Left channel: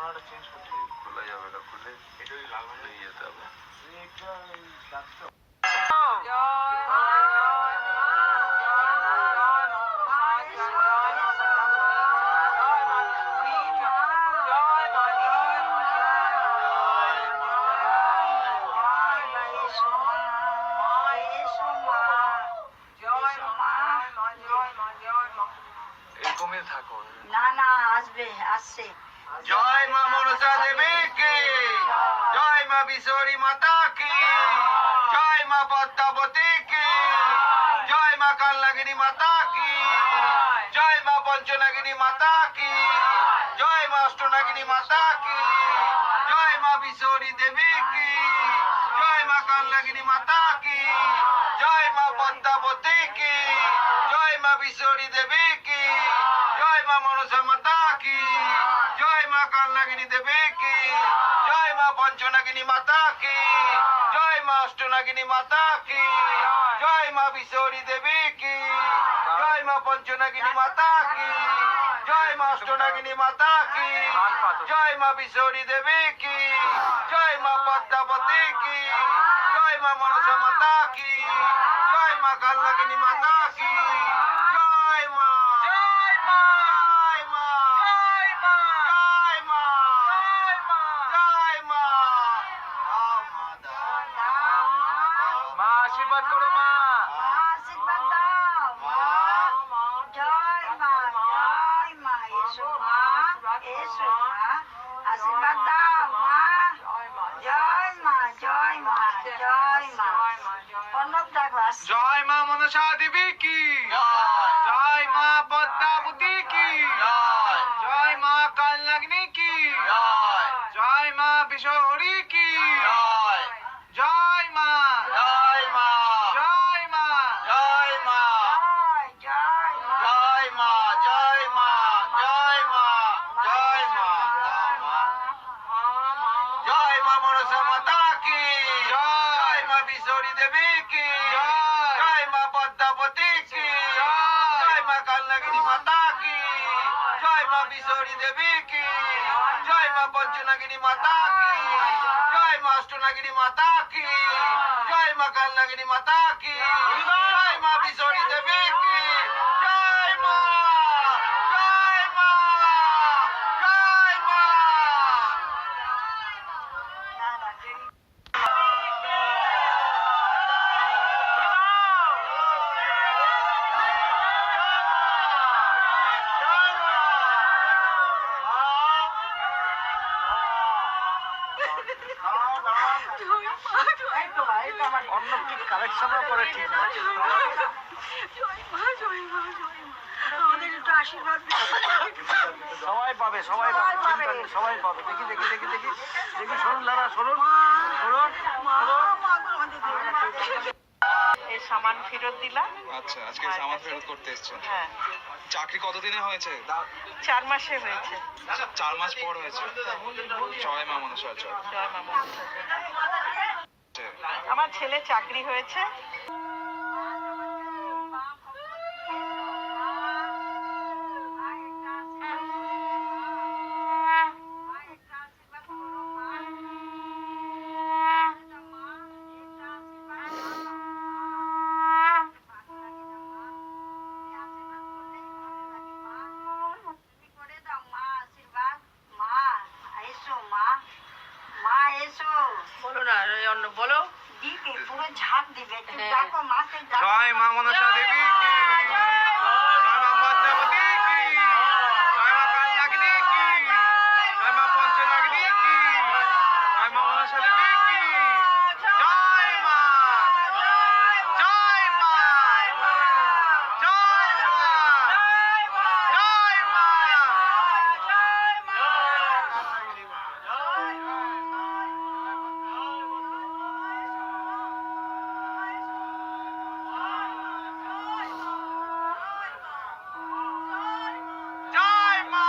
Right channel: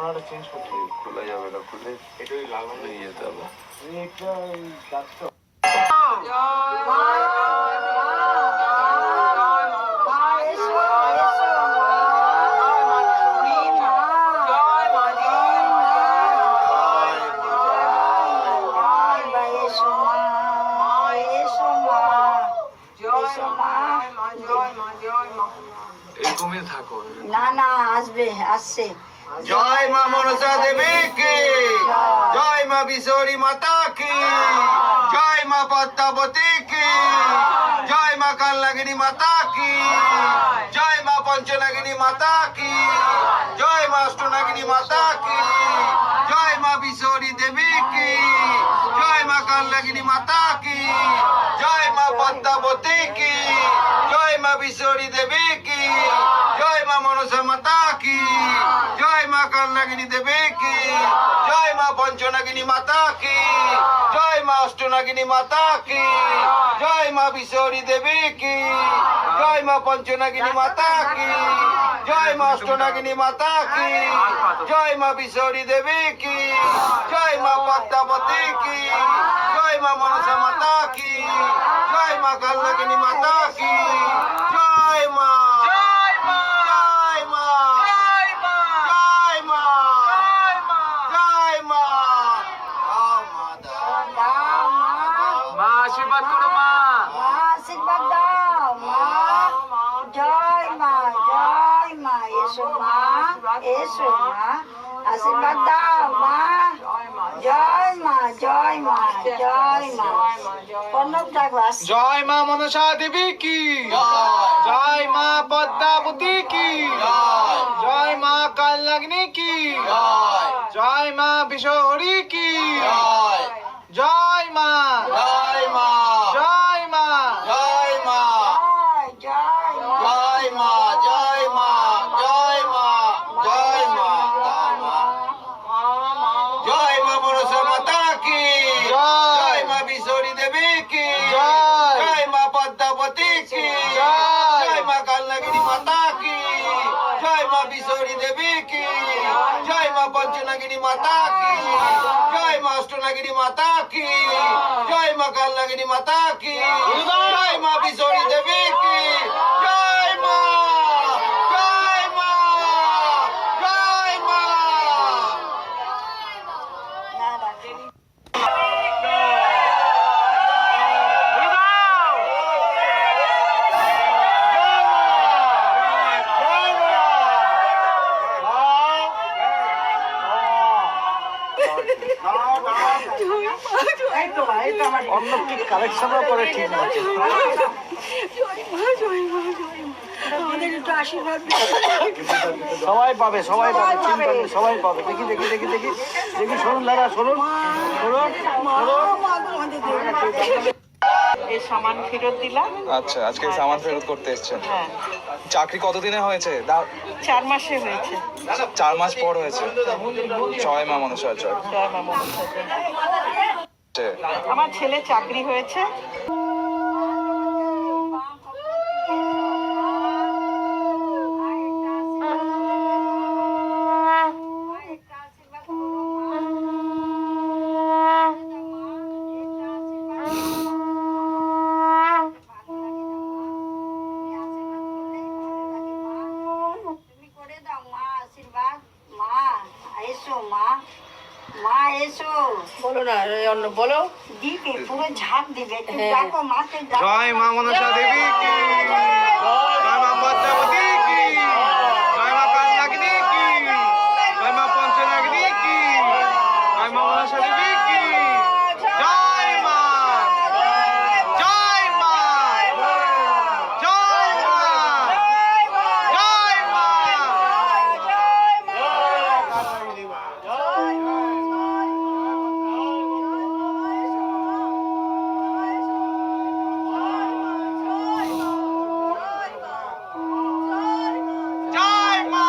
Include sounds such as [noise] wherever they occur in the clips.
আমরা ওটা চেঞ্জ করতে খোলা যাবে না খুলে এটাই লাগানো নিয়ে যেতে হবে। এটা ওই ডাক্তার এরকমই থাকো। না না আসবে আসছে। জয় মা মনসা দেবী কি জয় মা বিশোরী মাতা কি জয় মা পদ্মাবতী কি জয় মা কাল্লাগিনী মাতা কি জয় মা পঞ্চনাগিনী মাতা কি জয় মা অষ্টনাগিনী মাতা কি জয় মা বিশোরী দেবী কি জয় মা কাল্লাগিনী মাতা কি জয় মা পদ্মাবতী কি জয় মা বিশোরী দেবী কি জয় মা মনসা মাতা কি জয় মা কাল্লাগিনী দেবী কি জয় মা পঞ্চনাগিনী মাতা কি? জয় মা অষ্টনাগিনী মাতা কি? জয় মা বিশোরী দেবী কি? জয় মা পঞ্চনাগিনী মাতা কি? জয় মা অষ্টনাগিনী মাতা কি? জয় মা বিশোরী দেবী কি? জয় মা পদ্মাবতী কি? জয় মা মনসা কি জয় মা কাল্লাগিনী মাতা কি জয় মা জয় মা জয় মা জয় মা জয় মা জয় মা দাও মা মা আশীর্বাদ করো মা মা আশীর্বাদ দাও মা জয় মা জয় মা এসো মা এসো মা আশীর্বাদ দাও মা জয় মা জয় মা জয় মা প্রণব ডাকো জয় মা মনসা দেবী কি জয় মা পদ্মাবতী কি জয় মা কাল কাল্লাগ্নি কি জয় মা বিশহরি কি জয় মা জয় মা জয় মা জয় মা জয় জয় মা জয় মা জয় মা জয় মা জয় মা জয় মা মনসা মাতা কি জয়। জয় মা বিশোরী দেবী কি জয়। জয় মা পদ্মাবতী কি জয়। জয় মা কালনাগিনী মাতা কি জয় মা বিশোরী দেবী কি জয় মা পঞ্চনাগিনী মাতা কি জয় মা অষ্টনাগিনী মাতা কি জয় মা কালনাগিনী মাতা কি জয় মা বিশোরী দেবী কি জয় মা জয় মা জয় মা না রাখেনি অন্য কি ঠিক সবাই পাবে সবাই পাবে চিন্তা নেই সবাই পাবে। দেখি দেখি দেখি দেখি। দেখি শুনুন দাদা শুনুন। শুনুন এই সামান ফেরত দিলাম আচ্ছা আজকে সামান ফেরত করতে এসেছেন। হ্যাঁ। চাকরি কতদিনে হয়েছে? চার মাসে হয়েছে। চার মাস পর হয়েছে। জয় মা মনসা জয় জয় মা মনসা। আমার ছেলে চাকরি হয়েছে তুমি করে দাও মা আশীর্বাদ মা এসো মা মা এসো বলো না অন্য বলো। দিবে পুরো ঝাঁপ দিবে। ডাকো জয় মা মনসা দেবী কি জয় মা পদ্মাবতী কি জয় মা কালনাগিনী কি জয় মা পঞ্চনাগিনী কি জয় মা মনসা দেবী কি জয় মা জয় মা জয় মা জয় মা মা জয় মা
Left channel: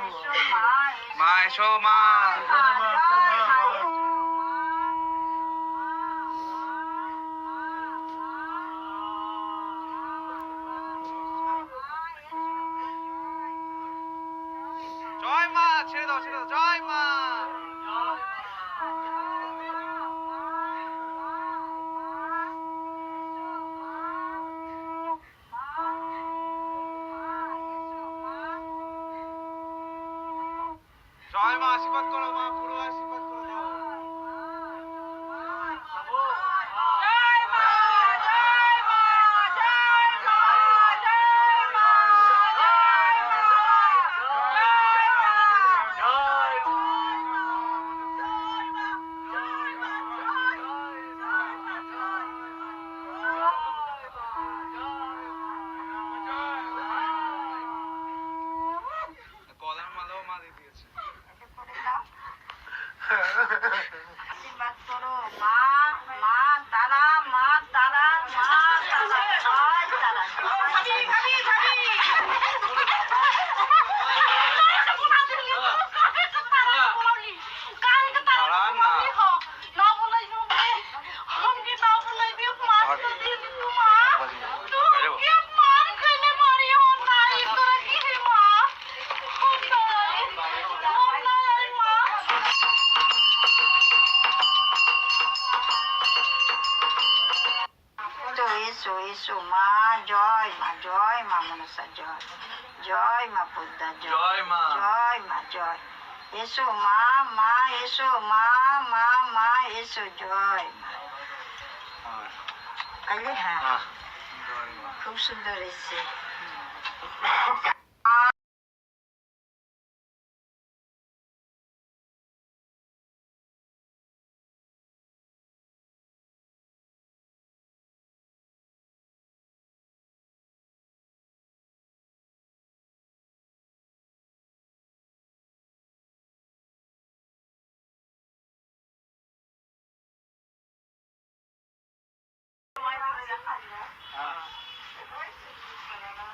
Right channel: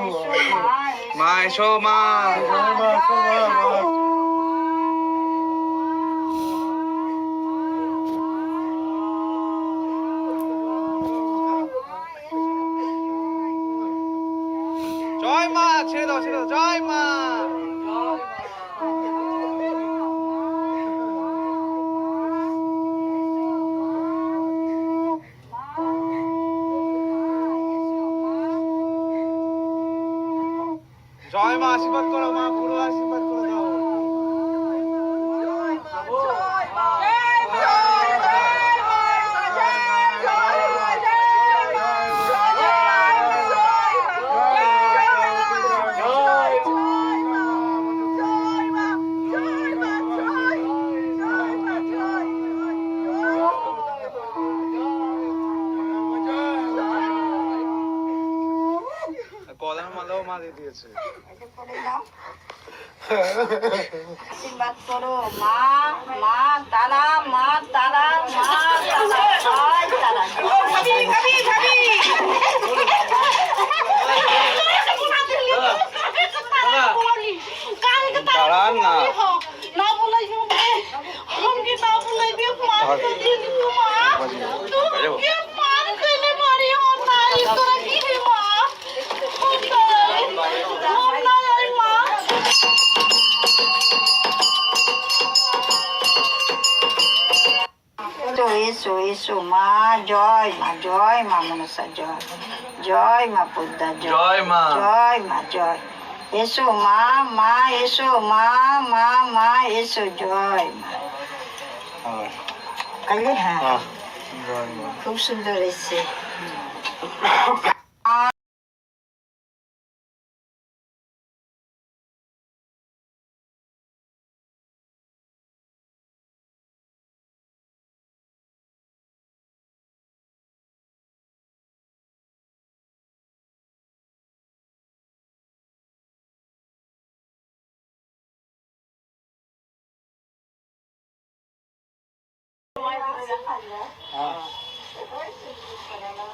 এসো মা মা জয় ছেড়ে দাও ছেড়ে দাও জয় মা। জয় মা আশীর্বাদ করো মা পুরো আশীর্বাদ দিয়ে দিয়েছে। [laughs] আশীর্বাদ করো মা। মা এসো মা জয় মা জয় মা মনসা জয়। জয় মা পদ্মা জয়। মা। জয় মা জয়। এসো মা মা এসো মা মা মা এসো জয় মা। কালকে হ্যাঁ। খুব সুন্দর এসছে। な。すごい数からな。